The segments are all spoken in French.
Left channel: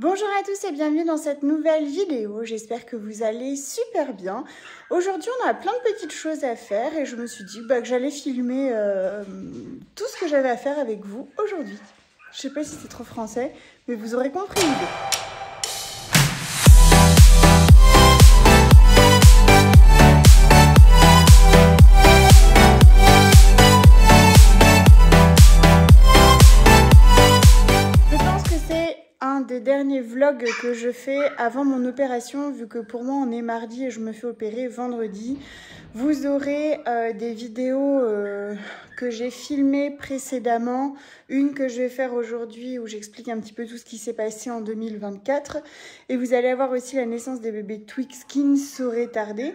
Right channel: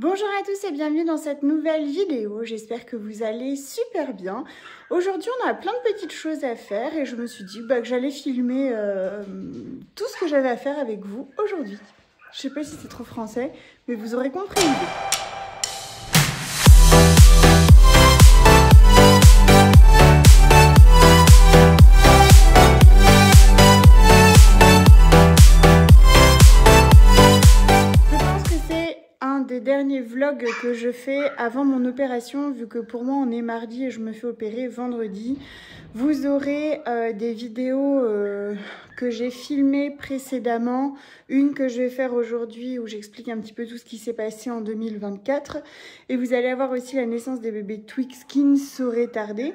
Bonjour à tous et bienvenue dans cette nouvelle vidéo, j'espère que vous allez super bien. Aujourd'hui on a plein de petites choses à faire et je me suis dit que j'allais filmer tout ce que j'avais à faire avec vous aujourd'hui. Je sais pas si c'est trop français, mais vous aurez compris l'idée. Des derniers vlogs que je fais avant mon opération, vu que pour moi on est mardi et je me fais opérer vendredi. Vous aurez des vidéos que j'ai filmées précédemment, une que je vais faire aujourd'hui où j'explique un petit peu tout ce qui s'est passé en 2024, et vous allez avoir aussi la naissance des bébés Twix qui ne saurait tarder,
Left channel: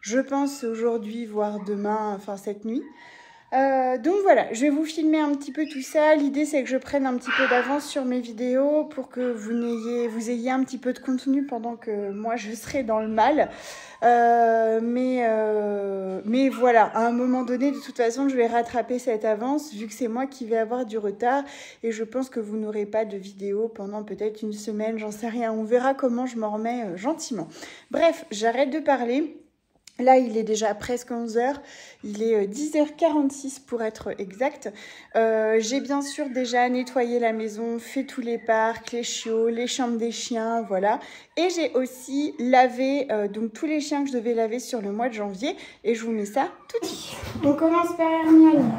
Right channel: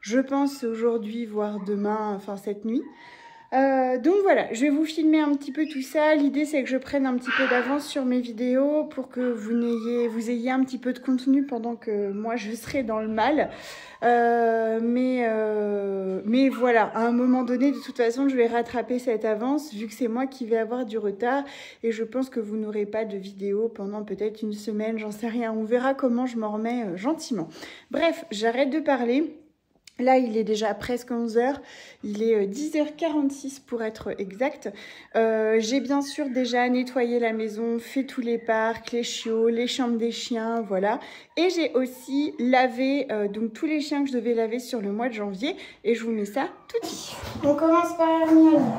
je pense aujourd'hui voire demain, enfin cette nuit. Donc voilà, je vais vous filmer un petit peu tout ça. L'idée c'est que je prenne un petit peu d'avance sur mes vidéos pour que vous ayez un petit peu de contenu pendant que moi je serai dans le mal. Mais voilà, à un moment donné, de toute façon, je vais rattraper cette avance vu que c'est moi qui vais avoir du retard. Et je pense que vous n'aurez pas de vidéo pendant peut-être une semaine, j'en sais rien. On verra comment je m'en remets gentiment. Bref, j'arrête de parler. Là, il est déjà presque 11 h, il est 10h46 pour être exact. J'ai bien sûr déjà nettoyé la maison, fait tous les parcs, les chiots, les chambres des chiens, voilà. Et j'ai aussi lavé donc tous les chiens que je devais laver sur le mois de janvier. Et je vous mets ça tout de suite. On commence par Hermione.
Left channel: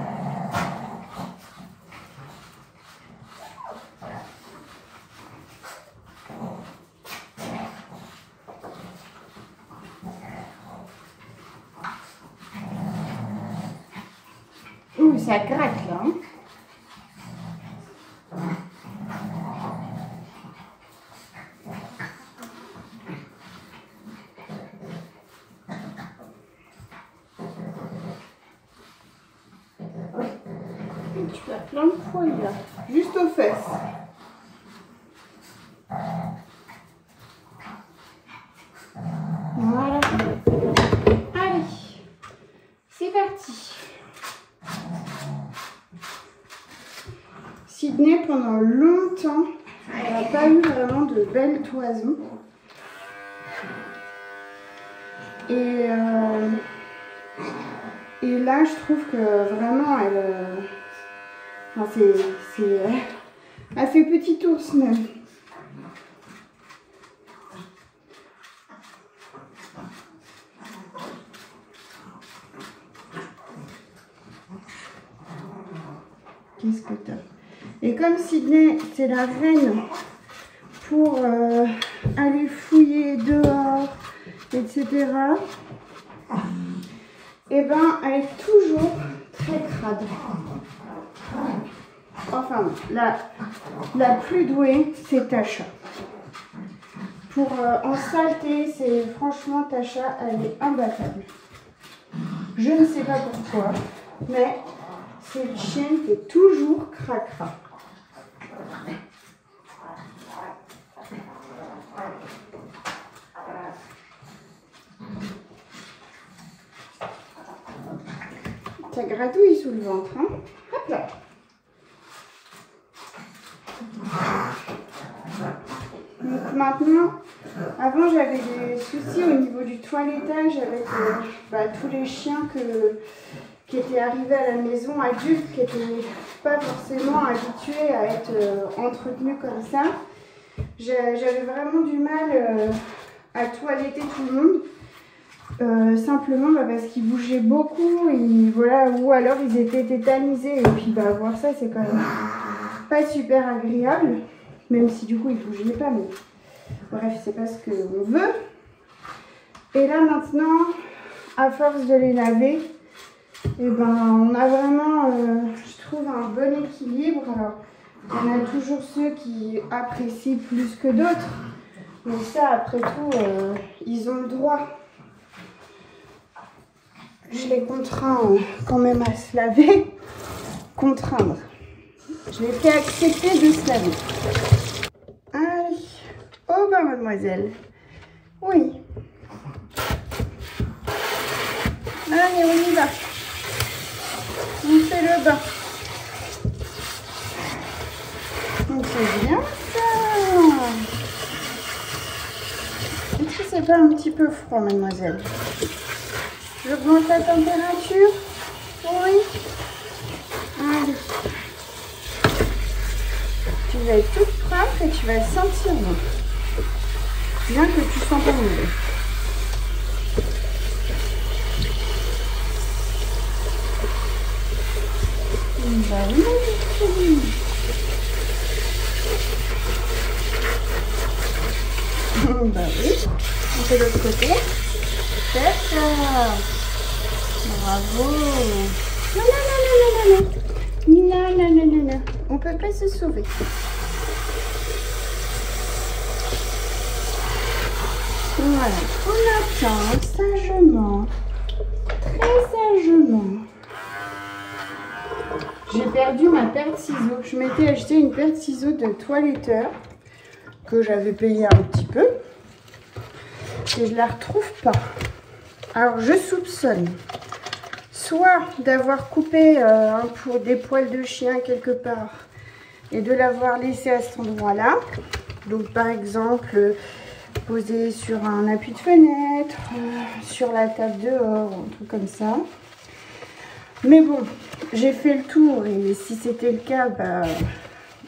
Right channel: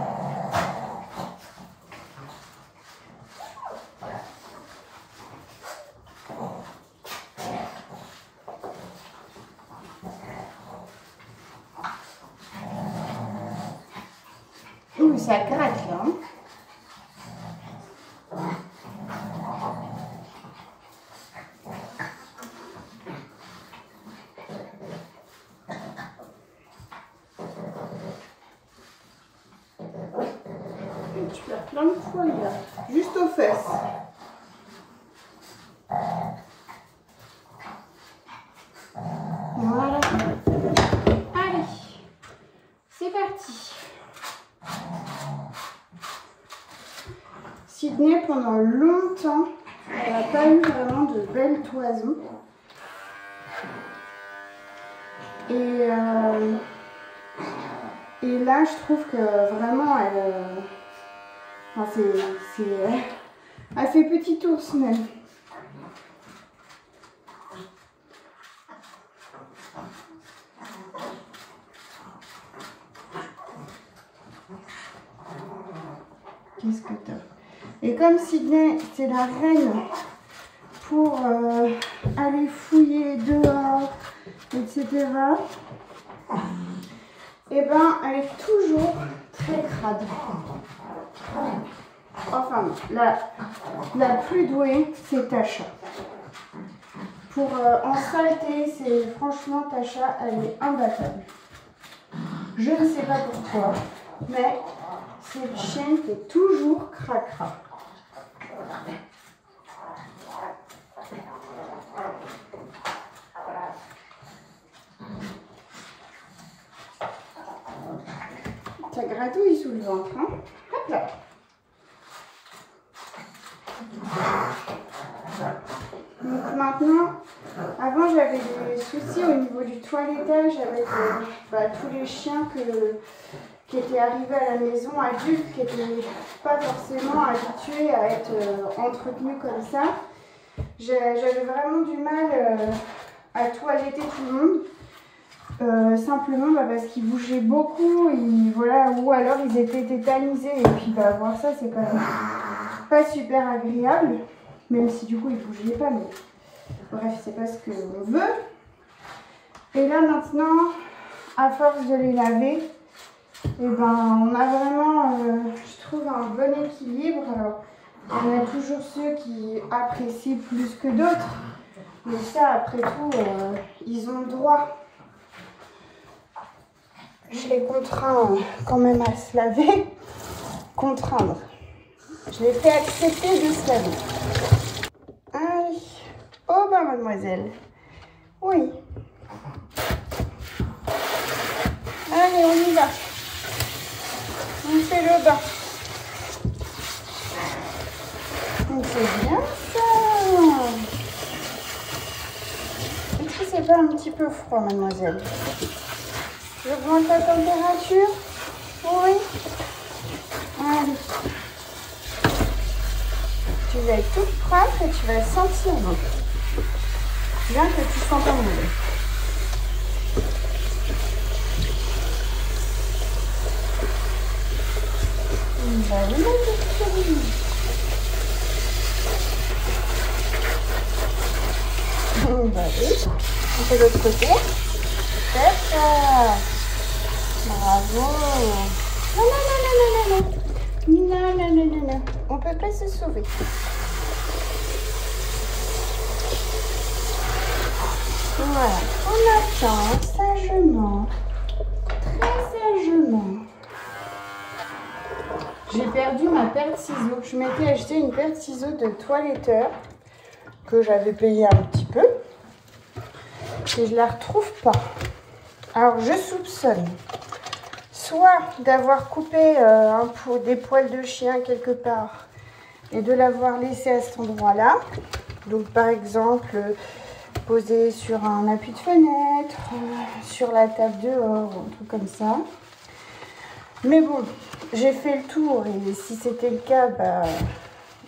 Ça gratte là. Et tu l'as plein de poils là, juste aux fesses. Voilà. Allez, c'est parti. Sydney, pendant longtemps, elle n'a pas eu vraiment de belles toisons. Et là, je trouve que vraiment, elle fait petit ours même. Qu'est-ce que t'as? Et comme Sydney, c'est la reine pour aller fouiller dehors, etc., et ben elle est toujours très crade. Enfin, la plus douée, c'est Tasha. Pour en saleté, franchement, Tasha, elle est imbattable. Je ne sais pas pourquoi, mais c'est une chienne qui est toujours cracra. Ça gratouille sous le ventre, hein? Hop là. Donc maintenant, avant j'avais des soucis au niveau du toilettage avec tous les chiens qui étaient arrivés à la maison, adultes, qui n'étaient pas forcément habitués à être entretenus comme ça. J'avais vraiment du mal à toiletter tout le monde. Simplement parce qu'ils bougeaient beaucoup et voilà, ou alors ils étaient tétanisés, et puis voir ça c'est quand même pas super agréable, même si du coup ils bougeaient pas, mais bref, c'est pas ce qu'on veut. Et là maintenant, à force de les laver, on a vraiment je trouve un bon équilibre. Alors il y en a toujours ceux qui apprécient plus que d'autres, mais ça après tout ils ont le droit. Je les contrains quand même à se laver. Contraindre. Je les fais accepter de se laver. Allez. Oh ben mademoiselle. Oui. Allez, on y va. On fait le bain. On fait bien ça. peu froid, mademoiselle. J'augmente la température. Oui. Allez. Tu vas être toute propre et tu vas le sentir. Bien que tu sens pas mauvais. Bah oui. Bah oui. On fait l'autre côté. C'est ça. Bravo. Non, non, non, non, non, non. Non, non, non, non, non. On peut pas se sauver. Voilà. On attend sagement. Très sagement. J'ai perdu ma paire de ciseaux. Je m'étais acheté une paire de ciseaux de toiletteur que j'avais payé un petit peu. Et je la retrouve pas. Alors je soupçonne soit d'avoir coupé des poils de chien quelque part et de l'avoir laissé à cet endroit-là. Donc par exemple posé sur un appui de fenêtre, sur la table dehors, un truc comme ça. Mais bon, j'ai fait le tour et si c'était le cas, bah,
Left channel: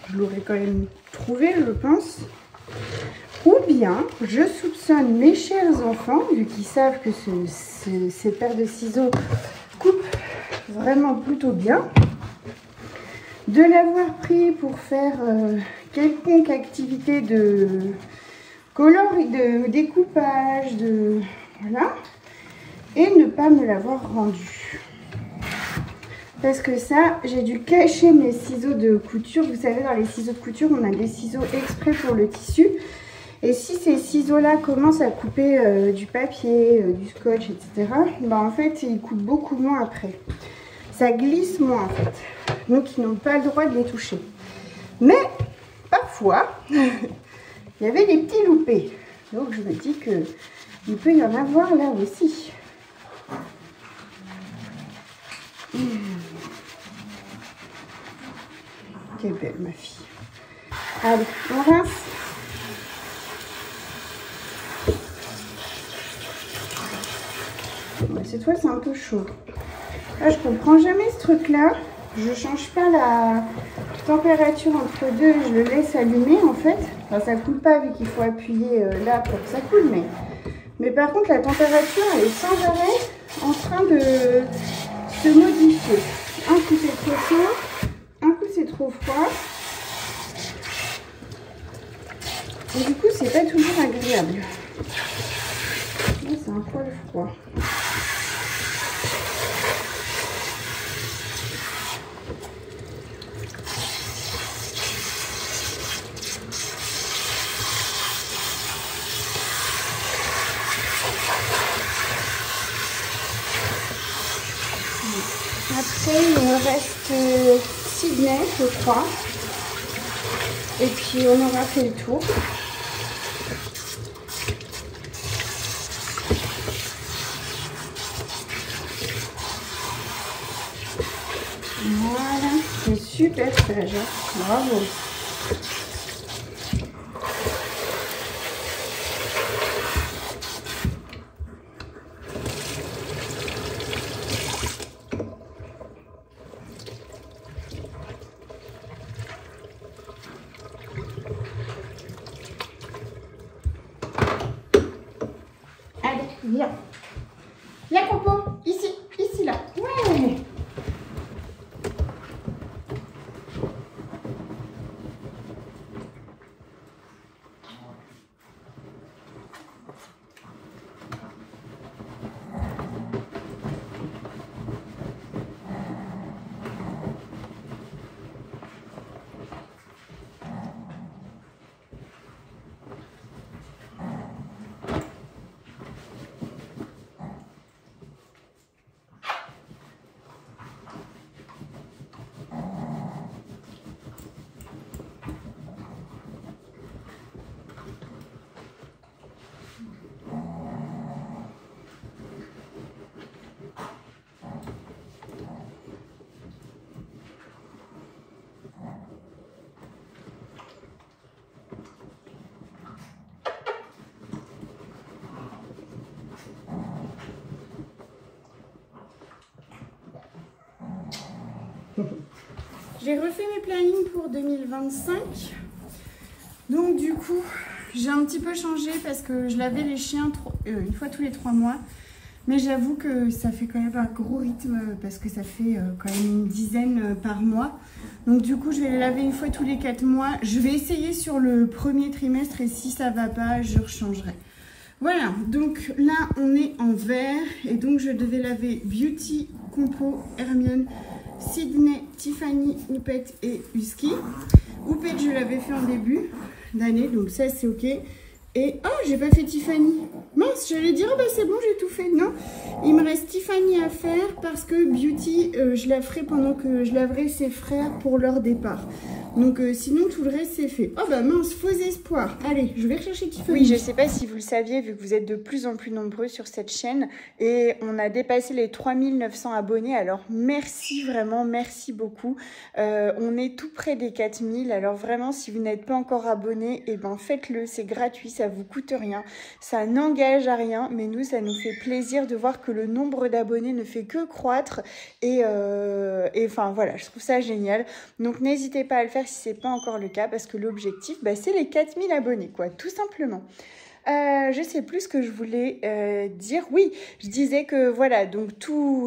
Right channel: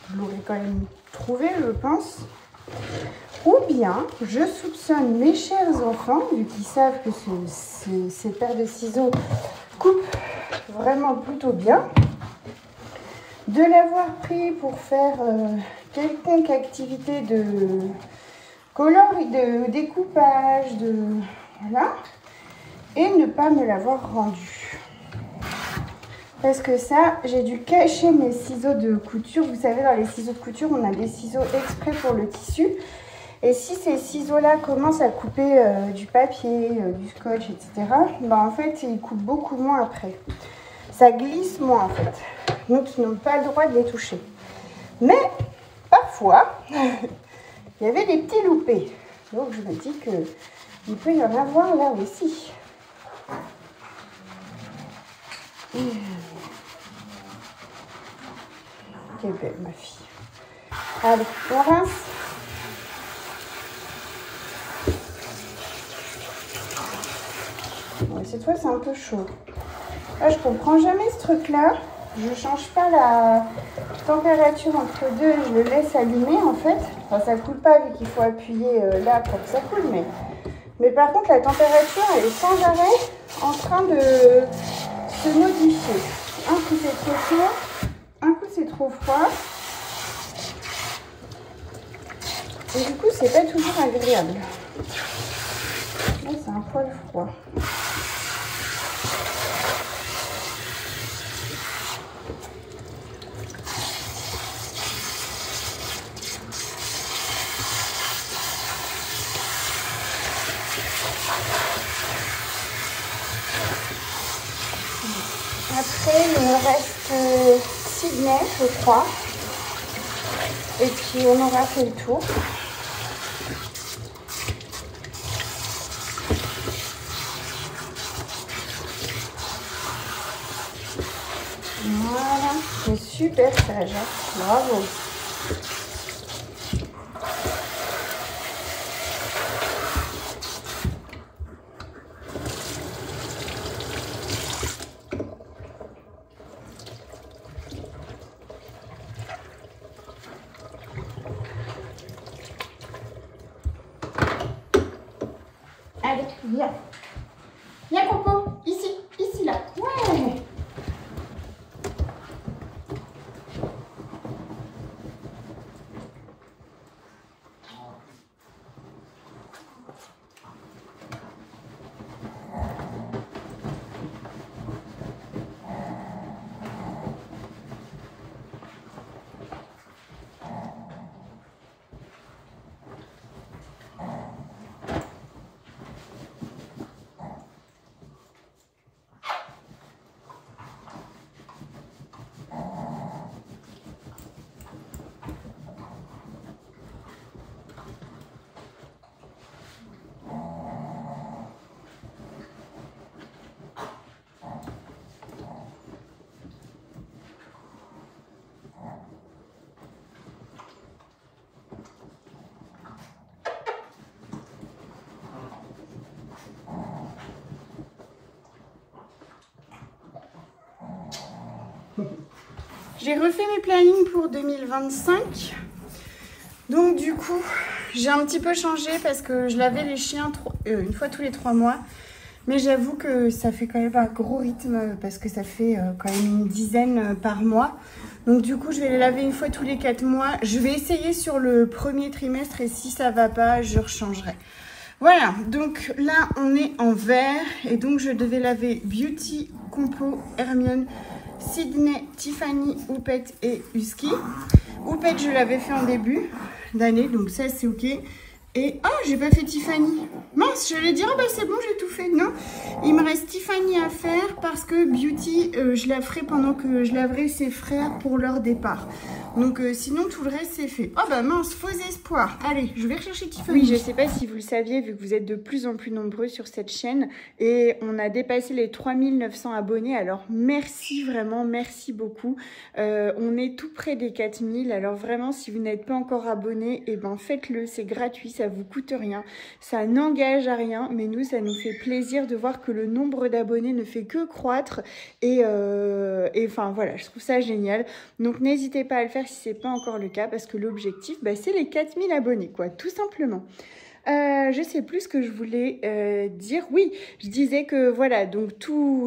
je l'aurais quand même trouvé, je pense. Ou bien, je soupçonne mes chers enfants, vu qu'ils savent que ces paires de ciseaux coupent vraiment plutôt bien, de l'avoir pris pour faire quelconque activité de découpage, voilà, et ne pas me l'avoir rendu. Parce que ça, j'ai dû cacher mes ciseaux de couture. Vous savez, dans les ciseaux de couture, on a des ciseaux exprès pour le tissu. Et si ces ciseaux-là commencent à couper du papier, du scotch, etc., bah en fait, ils coupent beaucoup moins après. Ça glisse moins, en fait. Donc, ils n'ont pas le droit de les toucher. Mais, parfois, il y avait des petits loupés. Donc, je me dis qu'il peut y en avoir là aussi. Quelle belle, ma fille. Allez, on rince. Cette fois, c'est un peu chaud. Là, je comprends jamais ce truc-là. Je change pas la température entre deux. Je le laisse allumer, en fait. Enfin, ça coule pas, vu qu'il faut appuyer là pour que ça coule. Mais par contre, la température, elle est sans arrêt en train de se modifier. Un coup, c'est trop chaud. Un coup, c'est trop froid. Et du coup, c'est pas toujours agréable. Là, c'est un poil froid. Après, il me reste Sydney, je crois. Et puis, on aura fait le tour. Voilà, c'est super sage. Bravo. Viens. Viens, Coco. Ici, là. Ouais. J'ai refait mes plannings pour 2025. Donc du coup, j'ai un petit peu changé parce que je lavais les chiens une fois tous les 3 mois. Mais j'avoue que ça fait quand même un gros rythme parce que ça fait quand même une dizaine par mois. Donc du coup, je vais les laver une fois tous les 4 mois. Je vais essayer sur le premier trimestre et si ça va pas, je rechangerai. Voilà, donc là, on est en vert et donc je devais laver Beauty, Complot, Hermione, Sydney, Tiffany, Oupette et Husky. Oupette, je l'avais fait en début d'année, donc ça, c'est ok. Et ah, j'ai pas fait Tiffany. Mince, j'allais dire, ah bah c'est bon, j'ai tout fait. Non, il me reste Tiffany à faire parce que Beauty, je la ferai pendant que je laverai ses frères pour leur départ. Donc sinon, tout le reste, c'est fait. Oh bah mince, faux espoir. Allez, je vais rechercher Tiffany. Oui, je sais pas si vous le saviez, vu que vous êtes de plus en plus nombreux sur cette chaîne. Et on a dépassé les 3900 abonnés. Alors merci, vraiment, merci beaucoup. On est tout près des 4000. Alors vraiment, si vous n'êtes pas encore abonné, eh ben faites-le, c'est gratuit, ça vous coûte rien. Ça n'engage à rien, mais nous, ça nous fait plaisir de voir que le nombre d'abonnés ne fait que croître. Et enfin, voilà, je trouve ça génial. Donc, n'hésitez pas à le faire si ce n'est pas encore le cas, parce que l'objectif, bah, c'est les 4000 abonnés, quoi, tout simplement. Je sais plus ce que je voulais dire. Oui, je disais que voilà, donc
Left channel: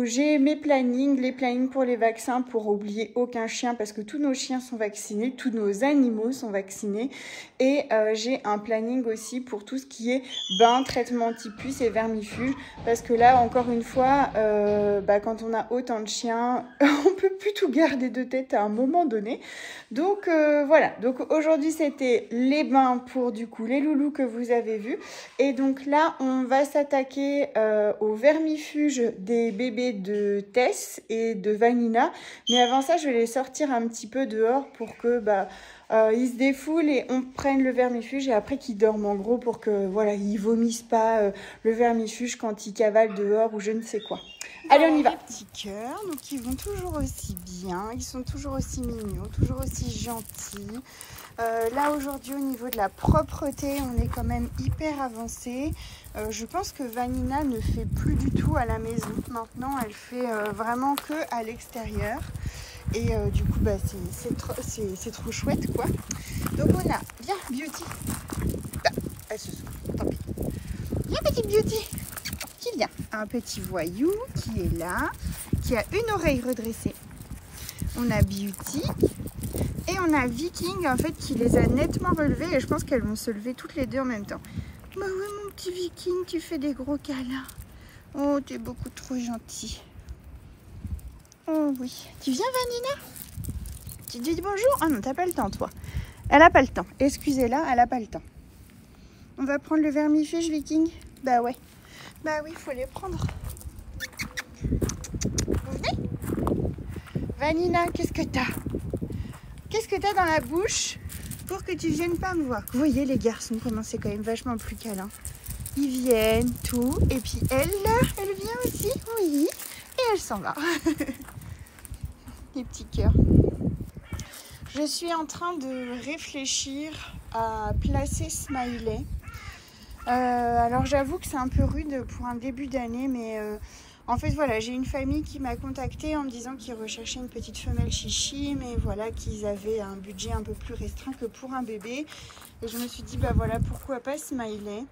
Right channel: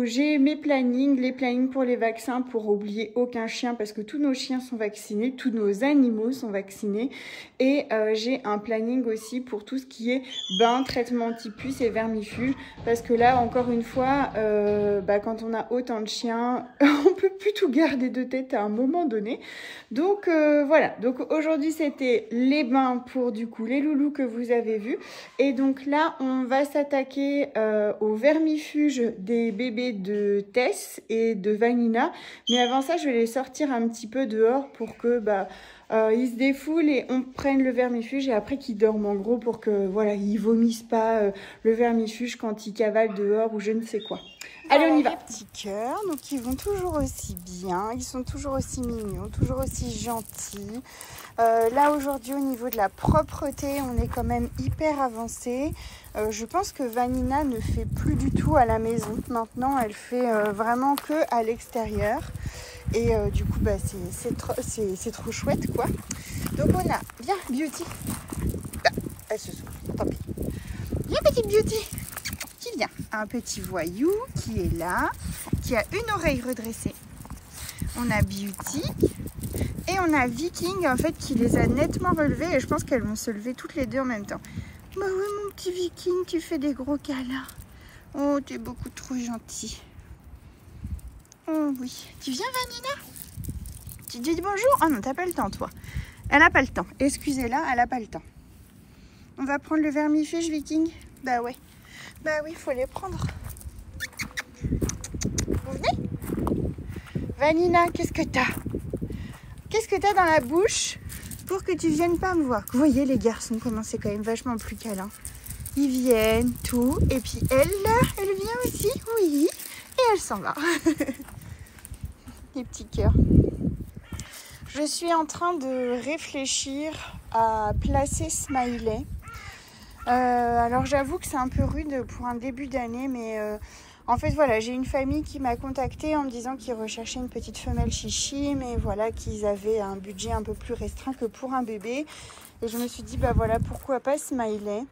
j'ai mes plannings, les plannings pour les vaccins pour oublier aucun chien parce que tous nos chiens sont vaccinés, tous nos animaux sont vaccinés. Et j'ai un planning aussi pour tout ce qui est bain, traitement anti-puce et vermifuge. Parce que là, encore une fois, quand on a autant de chiens, on peut plus tout garder de tête à un moment donné. Donc voilà, donc aujourd'hui c'était les bains pour du coup les loulous que vous avez vus. Et donc là on va s'attaquer au vermifuge des bébés de Tess et de Vanina. Mais avant ça je vais les sortir un petit peu dehors pour que ils se défoulent et on prenne le vermifuge et après qu'ils dorment en gros pour que voilà ils vomissent pas le vermifuge quand ils cavalent dehors ou je ne sais quoi. Allez, on y va. Les petits cœurs, donc ils vont toujours aussi bien, ils sont toujours aussi mignons, toujours aussi gentils. Là aujourd'hui au niveau de la propreté, on est quand même hyper avancé. Je pense que Vanina ne fait plus du tout à la maison. Maintenant, elle fait vraiment que à l'extérieur. Et du coup, c'est trop chouette, quoi. Donc on a, viens, Beauty. Ah, elle se souffle, tant pis. Viens, petite Beauty. Qui vient. Un petit voyou qui est là, qui a une oreille redressée. On a Beauty. Et on a Viking, en fait, qui les a nettement relevées. Et je pense qu'elles vont se lever toutes les deux en même temps. Bah oui, mon petit Viking, tu fais des gros câlins. Oh, t'es beaucoup trop gentil. Oh oui. Tu viens, Vanina? Tu dis bonjour? Oh non, t'as pas le temps, toi. Elle a pas le temps. Excusez-la, elle a pas le temps. On va prendre le vermifuge, Viking? Bah ouais. Bah oui, il faut les prendre. Vous venez? Vanina, qu'est-ce que t'as? Qu'est-ce que t'as dans la bouche pour que tu viennes pas me voir? Vous voyez les garçons, comment c'est quand même vachement plus câlin. Ils viennent, tout. Et puis elle, là, elle vient aussi, oui. Et elle s'en va. Les petits cœurs. Je suis en train de réfléchir à placer Smiley. Alors j'avoue que c'est un peu rude pour un début d'année, mais en fait voilà, j'ai une famille qui m'a contactée en me disant qu'ils recherchaient une petite femelle chichi, mais voilà, qu'ils avaient un budget un peu plus restreint que pour un bébé. Et je me suis dit, bah voilà, pourquoi pas Smiley.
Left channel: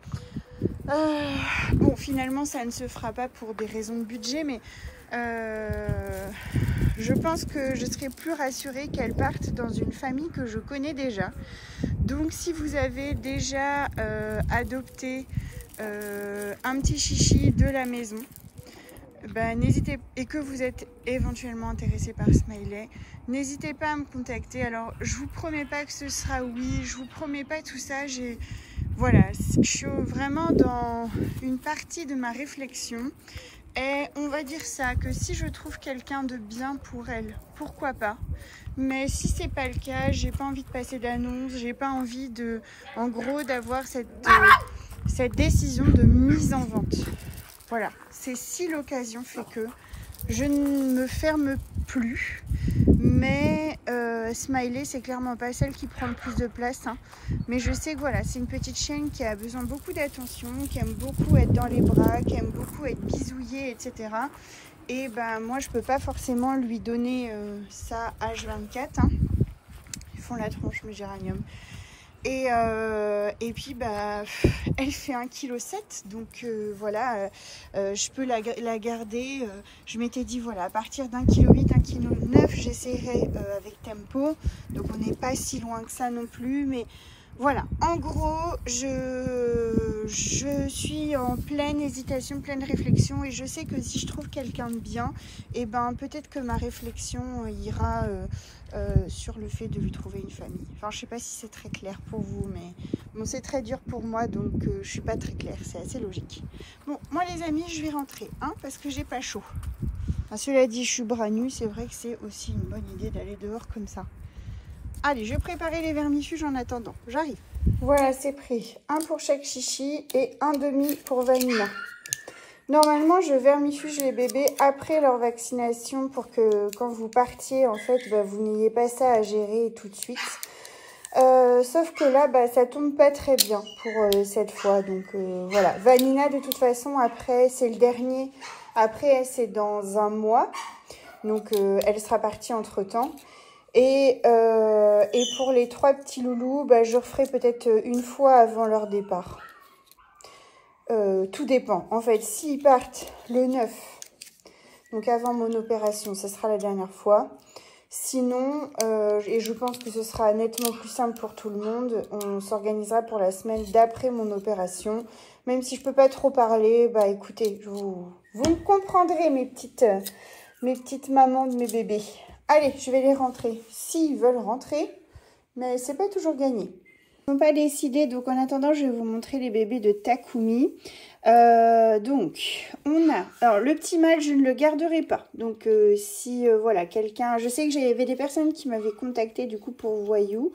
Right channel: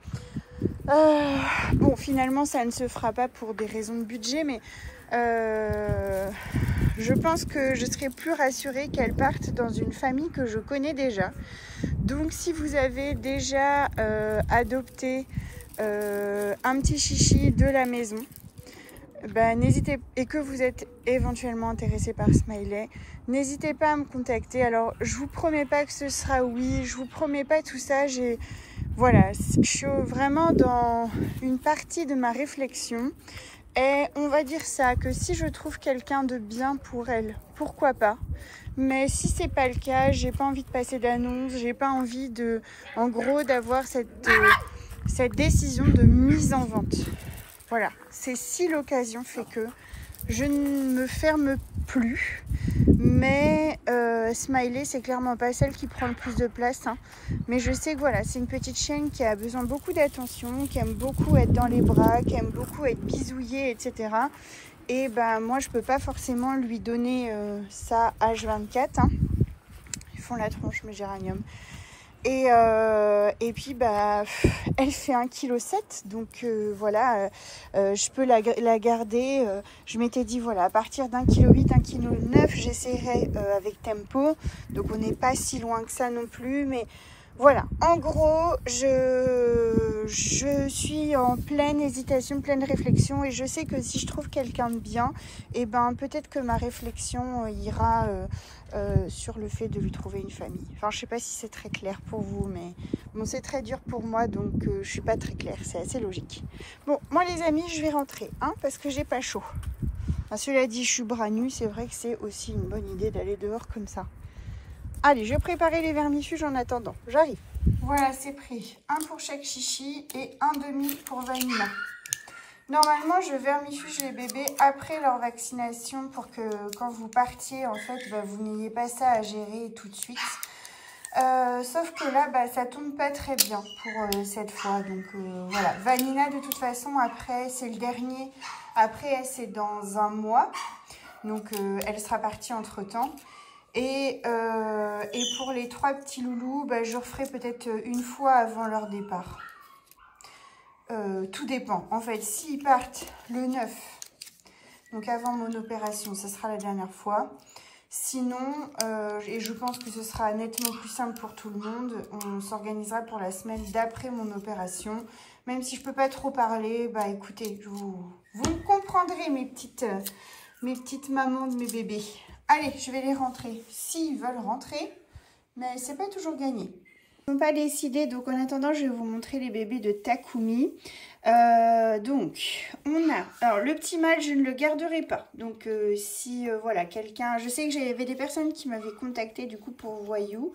Bon, finalement ça ne se fera pas pour des raisons de budget, mais je pense que je serais plus rassurée qu'elle parte dans une famille que je connais déjà. Donc si vous avez déjà adopté un petit chichi de la maison, n'hésitez, et que vous êtes éventuellement intéressé par Smiley, n'hésitez pas à me contacter. Alors je vous promets pas que ce sera oui, je vous promets pas tout ça. Voilà, je suis vraiment dans une partie de ma réflexion. Et on va dire ça, que si je trouve quelqu'un de bien pour elle, pourquoi pas. Mais si c'est pas le cas, j'ai pas envie de passer d'annonce, j'ai pas envie de, en gros, d'avoir cette décision de mise en vente. Voilà, c'est si l'occasion fait que je ne me ferme plus. Mais Smiley, c'est clairement pas celle qui prend le plus de place, hein. Mais je sais que voilà, c'est une petite chienne qui a besoin beaucoup d'attention, qui aime beaucoup être dans les bras, qui aime beaucoup être bisouillée, etc. Et ben moi je peux pas forcément lui donner ça H24. Hein. Ils font la tronche mes géraniums. Et puis bah elle fait 1,7 kg, donc voilà, je peux la garder. Je m'étais dit voilà, à partir d'1,8 kg, 1,9 kg, j'essaierai avec Tempo. Donc on n'est pas si loin que ça non plus, mais voilà, en gros, je suis en pleine hésitation, pleine réflexion, et je sais que si je trouve quelqu'un de bien, et ben peut-être que ma réflexion ira sur le fait de lui trouver une famille. Enfin, je sais pas si c'est très clair pour vous, mais bon, c'est très dur pour moi, donc je suis pas très claire, c'est assez logique. Bon, moi les amis, je vais rentrer, hein, parce que j'ai pas chaud. Ah, cela dit, je suis bras nus, c'est vrai que c'est aussi une bonne idée d'aller dehors comme ça. Allez, je vais préparer les vermifuges en attendant. J'arrive. Voilà, c'est prêt. Un pour chaque chichi et un demi pour Vanina. Normalement, je vermifuge les bébés après leur vaccination pour que quand vous partiez, en fait, bah, vous n'ayez pas ça à gérer tout de suite. Sauf que là, bah, ça tombe pas très bien pour cette fois. Donc voilà. Vanina, de toute façon, après, c'est le dernier. Après, c'est dans un mois. Donc elle sera partie entre-temps. Et pour les 3 petits loulous, bah, je referai peut-être une fois avant leur départ. Tout dépend. En fait, s'ils partent le 9, donc avant mon opération, ce sera la dernière fois. Sinon, et je pense que ce sera nettement plus simple pour tout le monde, on s'organisera pour la semaine d'après mon opération. Même si je peux pas trop parler, bah écoutez, vous me comprendrez mes petites mamans de mes bébés. Allez, je vais les rentrer, s'ils veulent rentrer, mais c'est pas toujours gagné. Ils n'ont pas décidé, donc en attendant, je vais vous montrer les bébés de Takumi. Donc, on a... Alors, le petit mâle, je ne le garderai pas. Donc, si, voilà, quelqu'un... Je sais que j'avais des personnes qui m'avaient contacté, du coup, pour Voyou.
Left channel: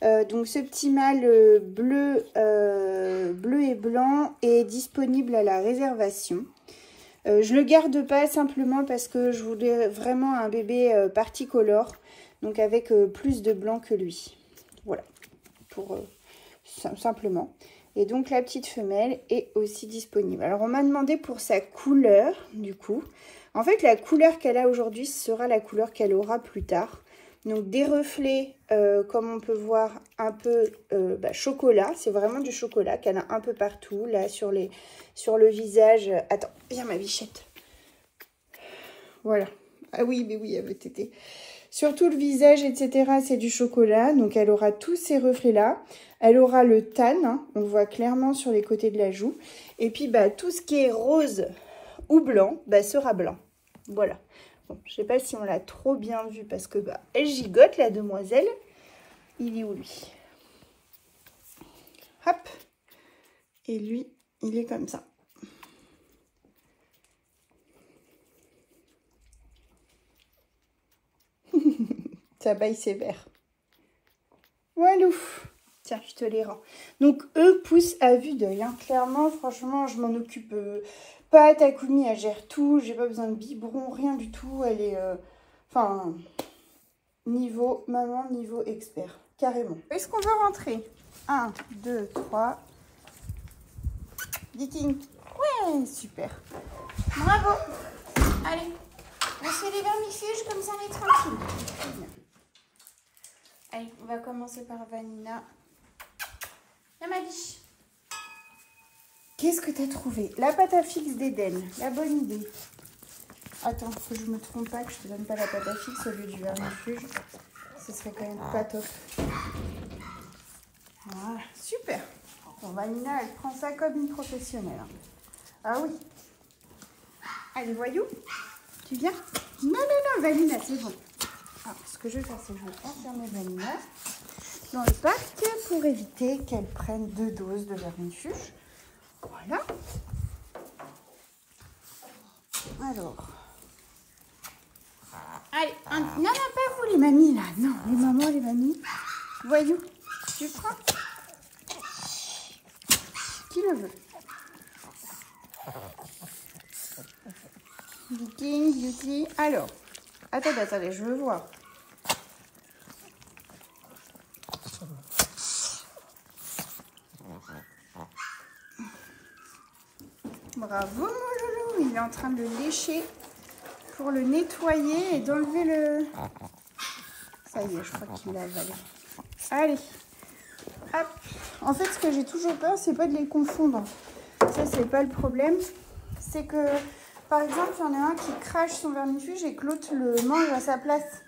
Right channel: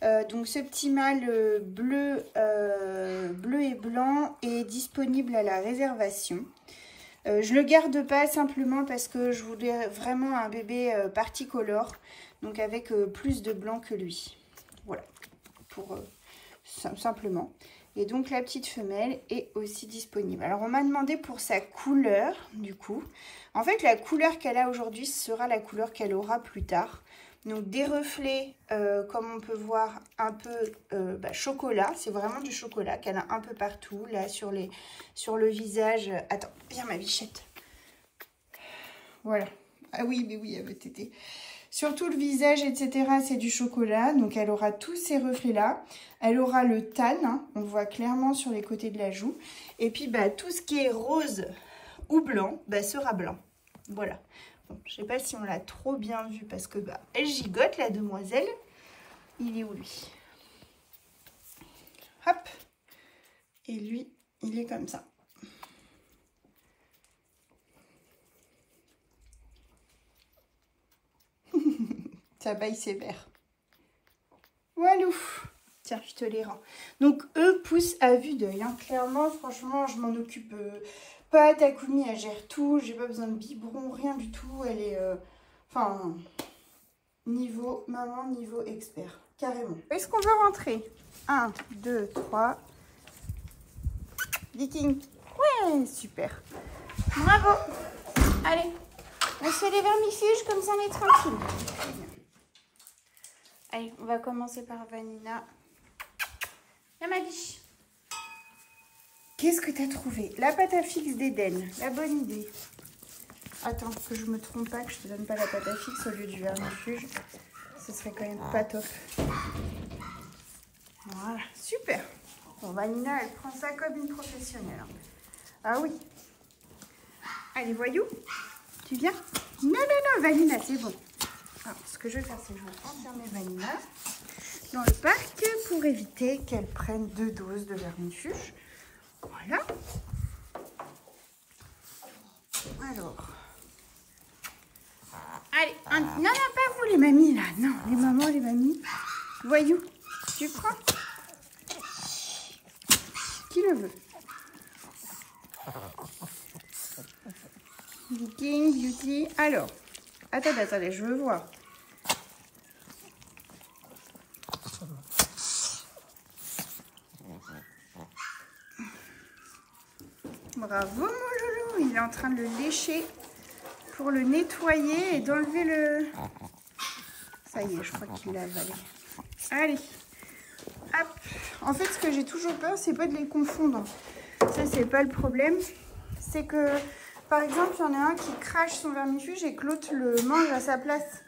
Donc, ce petit mâle bleu et blanc est disponible à la réservation. Je le garde pas simplement parce que je voulais vraiment un bébé particolore, donc avec plus de blanc que lui. Voilà, pour simplement. Et donc la petite femelle est aussi disponible. Alors on m'a demandé pour sa couleur, du coup. En fait, la couleur qu'elle a aujourd'hui sera la couleur qu'elle aura plus tard. Donc des reflets, comme on peut voir, un peu chocolat. C'est vraiment du chocolat qu'elle a un peu partout, là, sur le visage. Attends, viens ma bichette. Voilà. Ah oui, mais oui, elle veut téter. Sur tout le visage, etc., c'est du chocolat. Donc elle aura tous ces reflets-là. Elle aura le tan, hein, on voit clairement sur les côtés de la joue. Et puis, bah, tout ce qui est rose ou blanc, bah, sera blanc. Voilà. Bon, je sais pas si on l'a trop bien vu parce que bah, elle gigote la demoiselle. Il est où lui? Hop. Et lui, il est comme ça. Ça baille sévère. Voilà. Tiens, je te les rends. Donc, eux poussent à vue d'œil. Hein. Clairement, franchement, je m'en occupe pas. Takumi, elle gère tout. J'ai pas besoin de biberon, rien du tout. Elle est... Enfin, niveau maman, niveau expert. Carrément. Est-ce qu'on veut rentrer? 1, 2, 3. Viking. Ouais, super. Bravo. Allez, on fait les vermifuges, comme ça on est tranquille. Allez, on va commencer par Vanina. Viens ma biche. Qu'est-ce que tu as trouvé? La pâte à fixe d'Eden. La bonne idée. Attends, que je me trompe pas, que je te donne pas la pâte à fixe au lieu du vermifuge. Ce serait quand même pas top. Voilà, super. Bon, Vanina, elle prend ça comme une professionnelle. Hein. Ah oui. Allez, Voyou, tu viens? Non, non, non, Vanina, c'est bon. Alors, ce que je vais faire, c'est que je vais enfermer Vanina dans le parc pour éviter qu'elle prenne 2 doses de vermifuge. Voilà. Alors. Allez, non, non, pas vous les mamies, là. Non, les mamans, les mamies. Voyou, tu prends? Qui le veut? Viking, Beauty. Alors, attendez, je veux voir. Bravo, mon loulou. Il est en train de le lécher pour le nettoyer et d'enlever le... Ça y est, je crois qu'il l'a avalé. Allez, hop. En fait, ce que j'ai toujours peur, c'est pas de les confondre. Ça, c'est pas le problème. C'est que, par exemple, il y en a un qui crache son vermifuge et que l'autre le mange à sa place.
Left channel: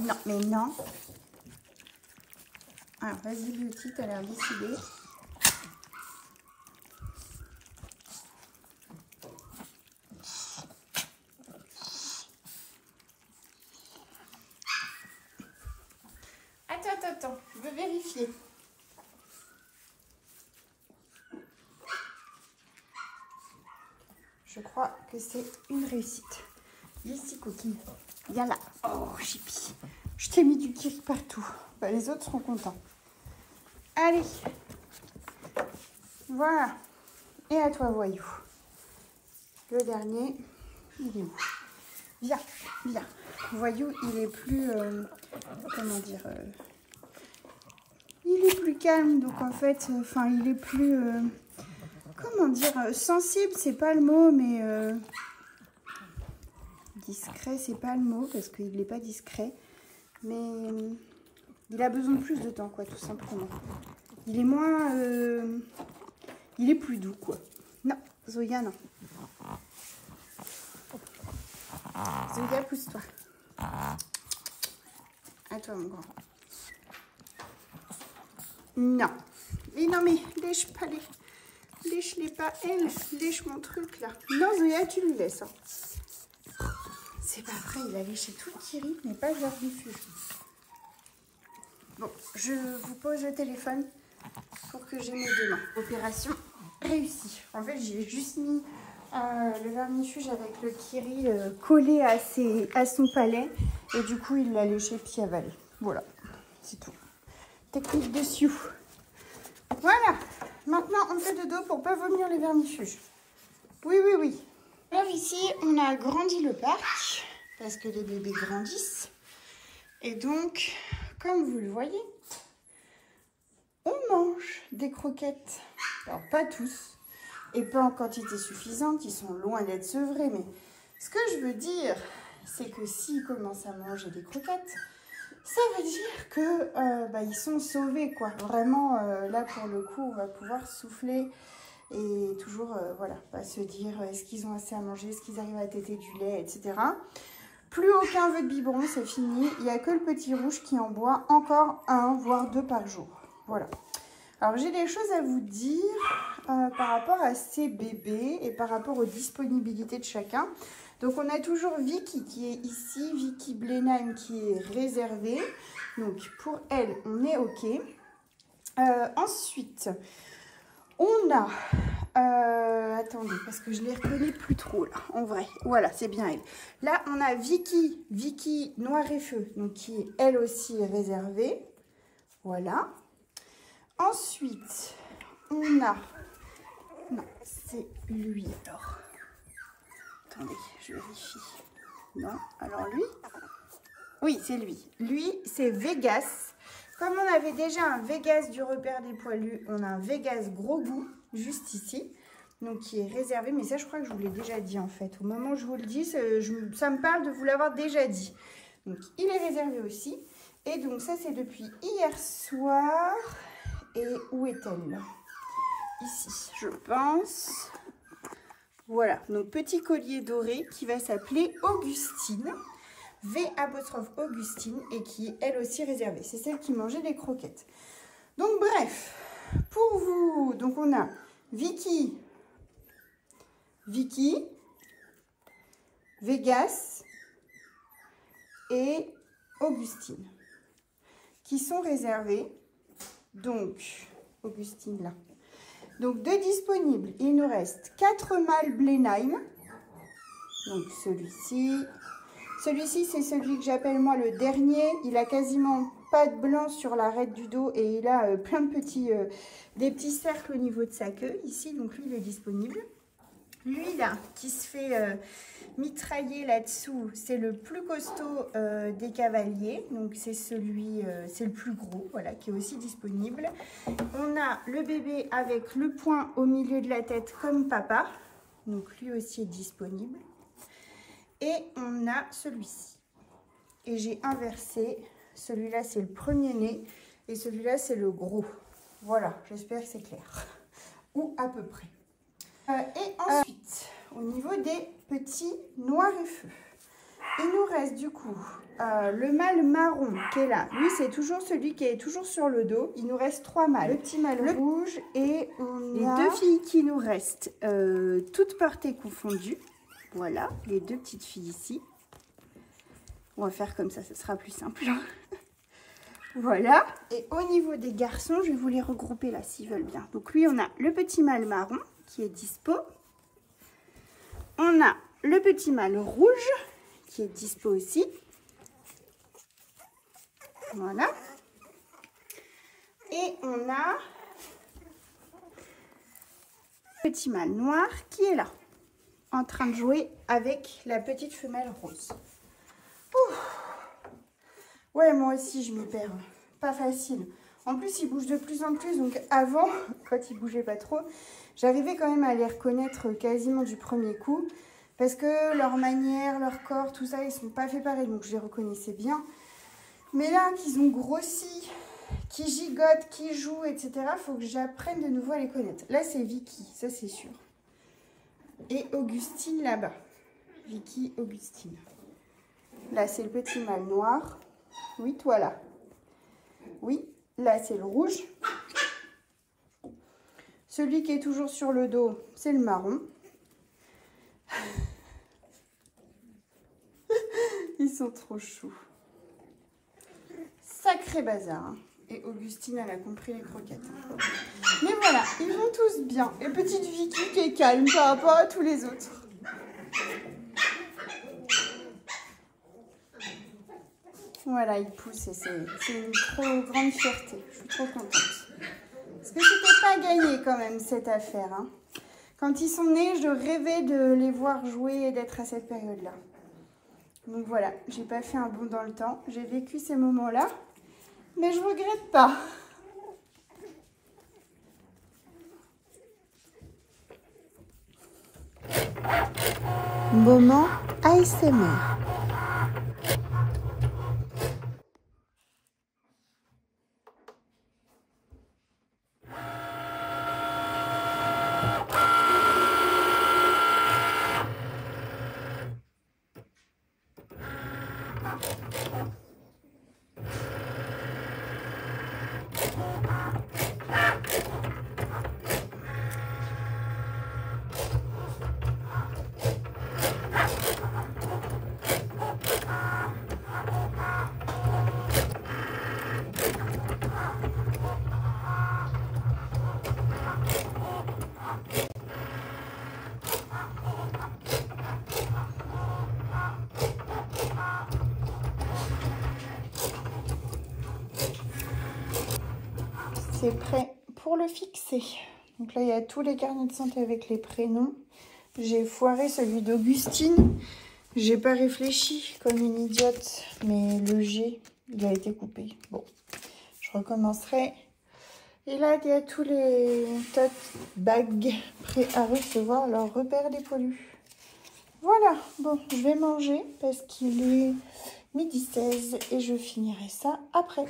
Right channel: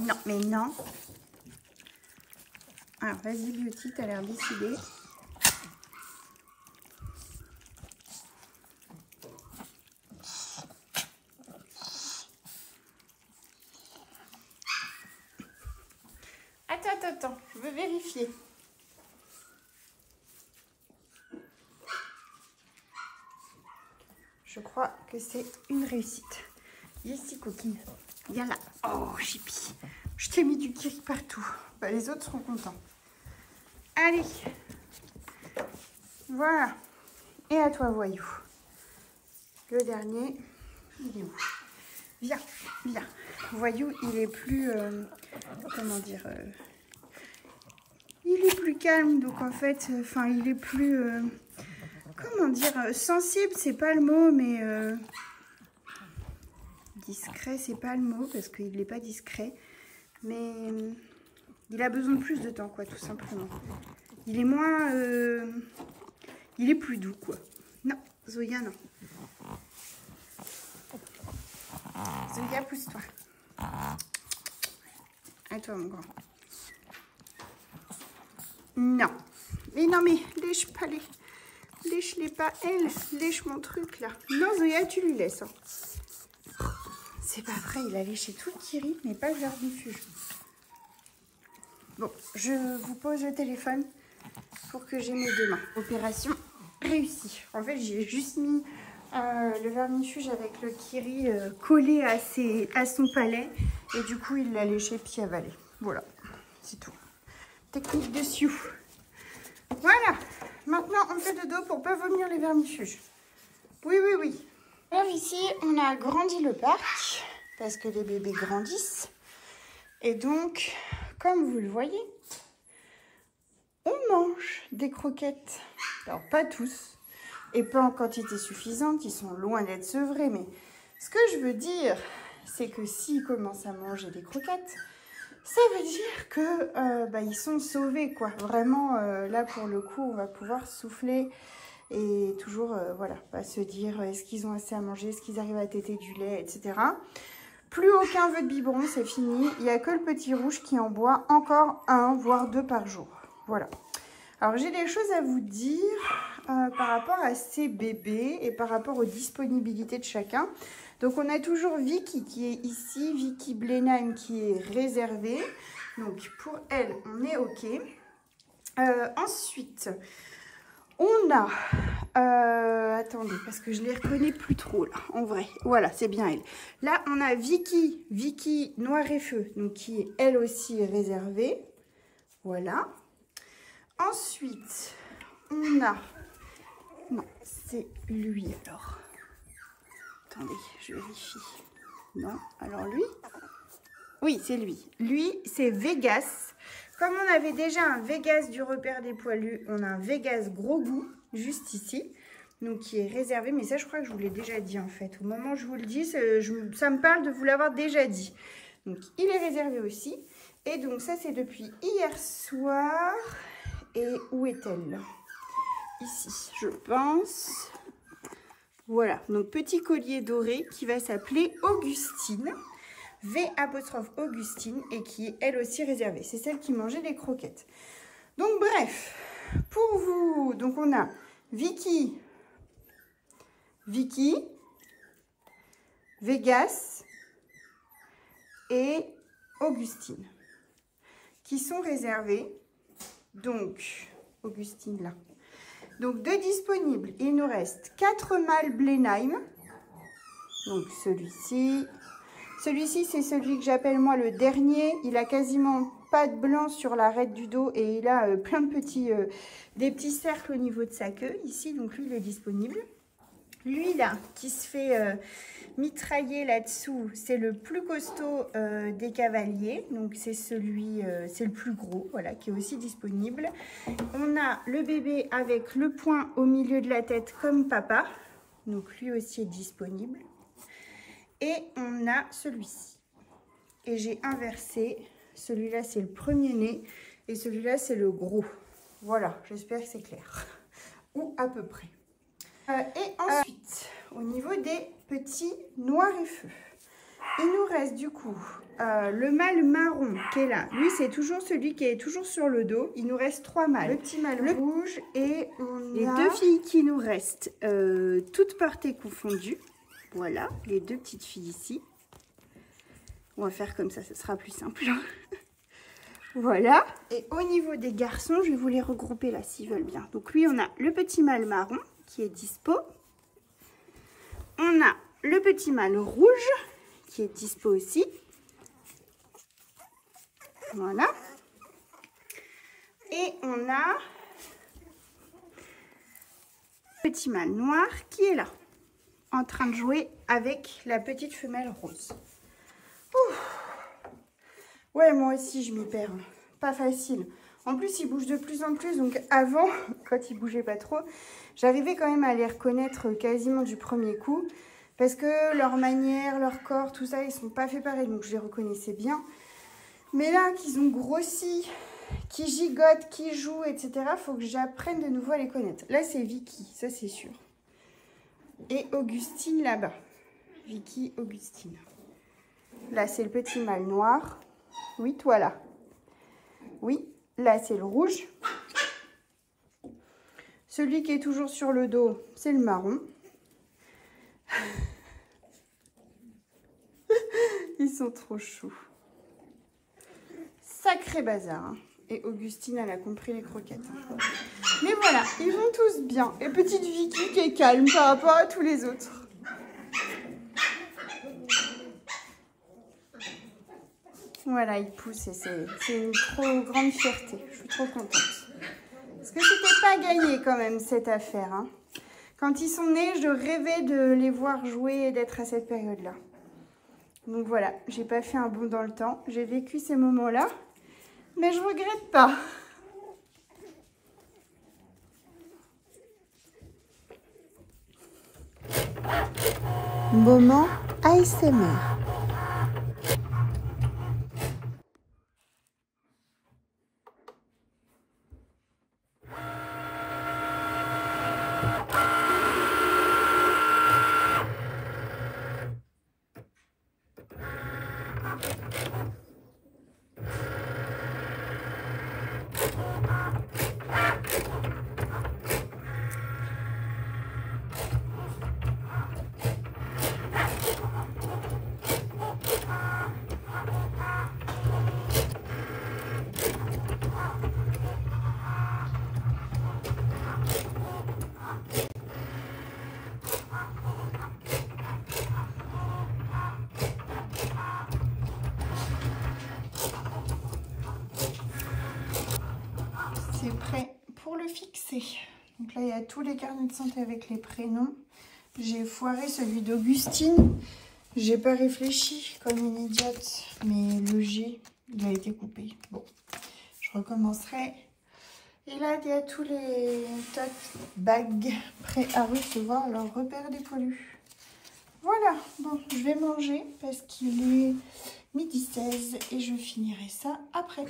Non, mais non. Alors, vas-y, Beauty, t'as l'air décidée. Attends, je veux vérifier. Je crois que c'est une réussite. Ici, coquine. Viens là. Oh, Chippy. Je t'ai mis du kiri partout. Bah, les autres seront contents. Allez. Voilà. Et à toi, voyou. Le dernier, il est où? Viens, viens. Voyou, il est plus... comment dire il est plus calme, donc en fait, enfin, il est plus... comment dire, sensible, c'est pas le mot, mais discret, c'est pas le mot, parce qu'il n'est pas discret, mais il a besoin de plus de temps, quoi, tout simplement. Il est moins... il est plus doux, quoi. Non, Zoya, non. Zoya, pousse-toi. À toi, mon grand. Non. Mais non, mais lèche pas les... Lèche-les pas, elle. Lèche mon truc, là. Non, Zoya, tu lui laisses. Hein. C'est pas vrai, il a léché tout le kiri, mais pas le vermifuge. Bon, je vous pose le téléphone pour que j'ai mes deux mains. Opération réussie. En fait, j'ai juste mis le vermifuge avec le kiri collé à son palais. Et du coup, il l'a léché pied avalé. Voilà, c'est tout. Technique de Sioux. Voilà. Maintenant, on fait de dos pour pas vomir les vermifuges. Oui, oui, oui. Alors ici, on a agrandi le parc parce que les bébés grandissent. Et donc, comme vous le voyez, on mange des croquettes. Alors, pas tous et pas en quantité suffisante. Ils sont loin d'être sevrés. Mais ce que je veux dire, c'est que s'ils commencent à manger des croquettes, ça veut dire que ils sont sauvés, quoi. Vraiment, là, pour le coup, on va pouvoir souffler et toujours, voilà, pas se dire est-ce qu'ils ont assez à manger, est-ce qu'ils arrivent à téter du lait, etc. Plus aucun vœu de biberon, c'est fini. Il n'y a que le petit rouge qui en boit encore 1, voire 2 par jour. Voilà. Alors, j'ai des choses à vous dire par rapport à ces bébés et par rapport aux disponibilités de chacun. Donc, on a toujours Vicky qui est ici, Vicky Blenheim qui est réservée. Donc, pour elle, on est OK. Ensuite, on a... attendez, parce que je ne les reconnais plus trop, là, en vrai. Voilà, c'est bien elle. Là, on a Vicky Noir et Feu, donc qui est elle aussi réservée. Voilà. Ensuite, on a... Non, c'est lui, alors. Attendez, je vérifie. Non, alors lui? Oui, c'est lui. Lui, c'est Vegas. Comme on avait déjà un Vegas du repère des poilus, on a un Vegas gros goût, juste ici. Donc, qui est réservé. Mais ça, je crois que je vous l'ai déjà dit, en fait. Au moment où je vous le dis, ça me parle de vous l'avoir déjà dit. Donc, il est réservé aussi. Et donc, ça, c'est depuis hier soir. Et où est-elle? Ici, je pense... Voilà, donc petit collier doré qui va s'appeler Augustine, V''Augustine, et qui est elle aussi réservée. C'est celle qui mangeait les croquettes. Donc bref, pour vous, donc on a Vicky, Vegas et Augustine qui sont réservées. Donc, Augustine là. Donc, de disponibles, il nous reste 4 mâles Blenheim. Donc, celui-ci. Celui-ci, c'est celui que j'appelle moi le dernier. Il a quasiment pas de blanc sur l'arête du dos et il a plein de petits, des petits cercles au niveau de sa queue. Ici, donc lui, il est disponible. Lui là, qui se fait mitrailler là-dessous, c'est le plus costaud des cavaliers. Donc c'est celui, c'est le plus gros, voilà, qui est aussi disponible. On a le bébé avec le point au milieu de la tête comme papa. Donc lui aussi est disponible. Et on a celui-ci. Et j'ai inversé. Celui-là, c'est le premier-né. Et celui-là, c'est le gros. Voilà, j'espère que c'est clair. Ou à peu près. Et ensuite, au niveau des petits noirs et feux, il nous reste du coup le mâle marron qui est là. Lui, c'est toujours celui qui est toujours sur le dos. Il nous reste 3 mâles. Le petit mâle rouge et les 2 filles qui nous restent, toutes portées confondues. Voilà, les 2 petites filles ici. On va faire comme ça, ce sera plus simple. Voilà. Et au niveau des garçons, je vais vous les regrouper là s'ils veulent bien. Donc lui, on a le petit mâle marron qui est dispo. On a le petit mâle rouge qui est dispo aussi. Voilà. Et on a le petit mâle noir qui est là, en train de jouer avec la petite femelle rose. Ouh. Ouais, moi aussi, je m'y perds. Pas facile. En plus, ils bougent de plus en plus. Donc avant, quand ils bougeaient pas trop, j'arrivais quand même à les reconnaître quasiment du premier coup. Parce que leur manière, leur corps, tout ça, ils sont pas faits pareil. Donc je les reconnaissais bien. Mais là, qu'ils ont grossi, qu'ils gigotent, qu'ils jouent, etc., il faut que j'apprenne de nouveau à les connaître. Là, c'est Vicky, ça c'est sûr. Et Augustine là-bas. Vicky, Augustine. Là, c'est le petit mâle noir. Oui, toi là. Oui, là, c'est le rouge. Celui qui est toujours sur le dos, c'est le marron. Ils sont trop choux. Sacré bazar. Hein. Et Augustine, elle a compris les croquettes. Hein. Mais voilà, ils vont tous bien. Et petite Vicky qui est calme par rapport à tous les autres. Voilà, ils poussent et c'est une trop grande fierté. Je suis trop contente. Parce que c'était pas gagné quand même cette affaire. Hein. Quand ils sont nés, je rêvais de les voir jouer et d'être à cette période-là. Donc voilà, j'ai pas fait un bond dans le temps. J'ai vécu ces moments-là, mais je regrette pas. Moment ASMR. C'est prêt pour le fixer. Donc là, il y a tous les carnets de santé avec les prénoms. J'ai foiré celui d'Augustine. J'ai pas réfléchi comme une idiote, mais le G, il a été coupé. Bon, je recommencerai. Et là, il y a tous les tote bags prêts à recevoir leur repère des pollus. Voilà, bon, je vais manger parce qu'il est 12h16 et je finirai ça après.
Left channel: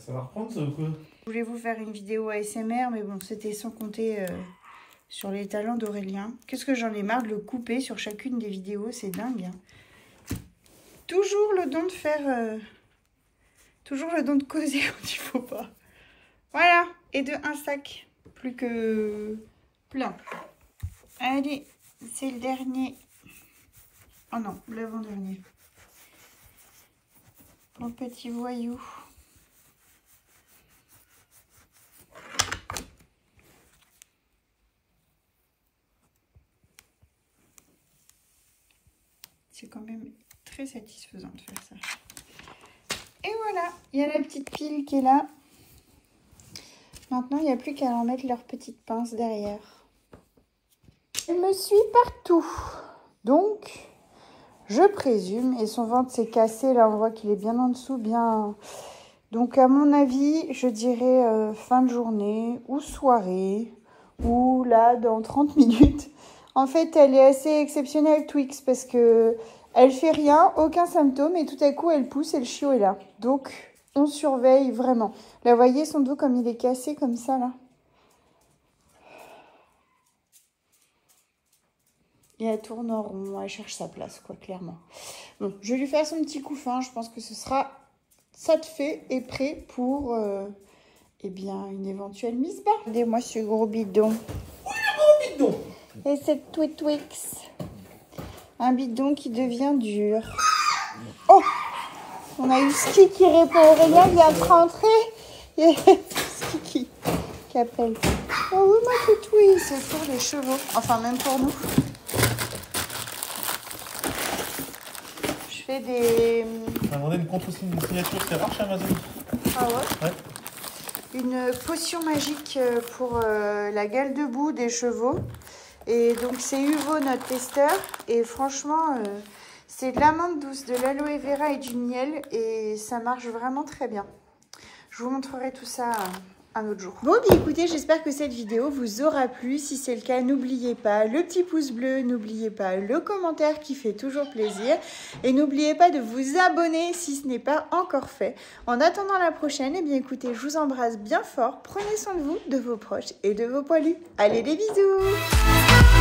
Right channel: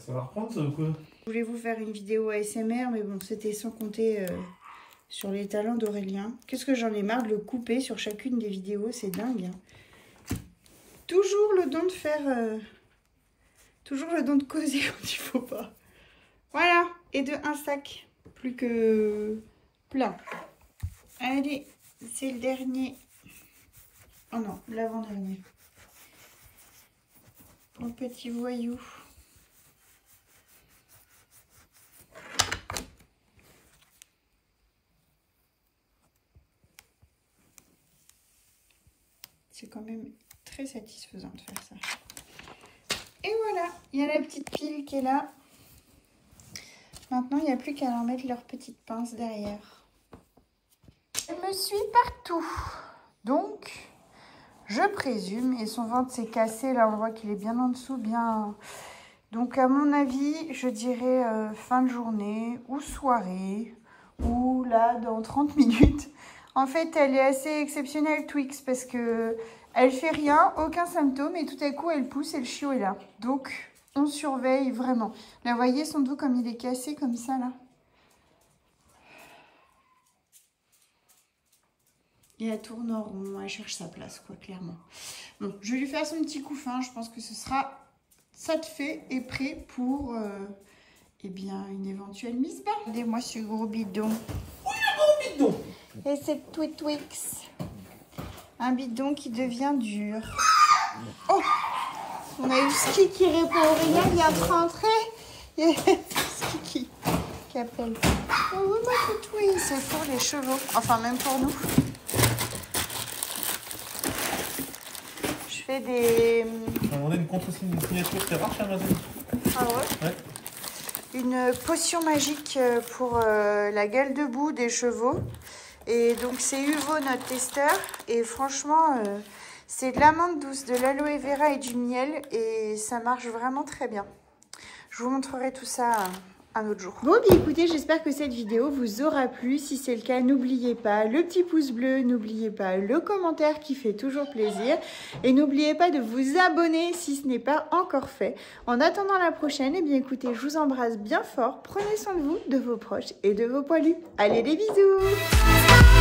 Ça va reprendre ça ou quoi? Je voulais vous faire une vidéo ASMR, mais bon, c'était sans compter sur les talents d'Aurélien. Qu'est-ce que j'en ai marre de le couper sur chacune des vidéos, c'est dingue. Hein. Toujours le don de faire... toujours le don de causer quand il faut pas. Voilà, et de un sac, plus que plein. Allez, c'est le dernier. Oh non, l'avant-dernier. Mon petit voyou. C'est quand même très satisfaisant de faire ça. Et voilà, il y a la petite pile qui est là. Maintenant, il n'y a plus qu'à leur mettre leur petite pince derrière. Elle me suit partout. Donc, je présume, et son ventre s'est cassé, là on voit qu'il est bien en dessous, bien... Donc à mon avis, je dirais fin de journée ou soirée, ou là dans 30 minutes. En fait, elle est assez exceptionnelle, Twix, parce que elle fait rien, aucun symptôme, et tout à coup elle pousse et le chiot est là. Donc on surveille vraiment. Là, vous voyez son dos comme il est cassé comme ça là. Et elle tourne en rond, elle cherche sa place, quoi, clairement. Bon, je vais lui faire son petit couffin. Je pense que ce sera ça de fait et prêt pour, eh bien, une éventuelle mise bas. Regardez-moi ce gros bidon. Oui, le gros bidon. Et cette Twix. Un bidon qui devient dur. Oh, on a eu Ski qui répond. Aurélien vient de rentrer. Et Ski qui appelle. Oh oui, ma petite Twix. C'est pour les chevaux. Enfin, même pour nous. Des... On a demandé une contre-signature, c'est rare chez Amazon. Ah ouais, ouais. Une potion magique pour la gale debout des chevaux. Et donc c'est Uvo notre testeur. Et franchement, c'est de l'amande douce, de l'aloe vera et du miel. Et ça marche vraiment très bien. Je vous montrerai tout ça un autre jour. Bon, bien écoutez, j'espère que cette vidéo vous aura plu. Si c'est le cas, n'oubliez pas le petit pouce bleu, n'oubliez pas le commentaire qui fait toujours plaisir. Et n'oubliez pas de vous abonner si ce n'est pas encore fait. En attendant la prochaine, eh bien écoutez, je vous embrasse bien fort. Prenez soin de vous, de vos proches et de vos poilus. Allez, des bisous!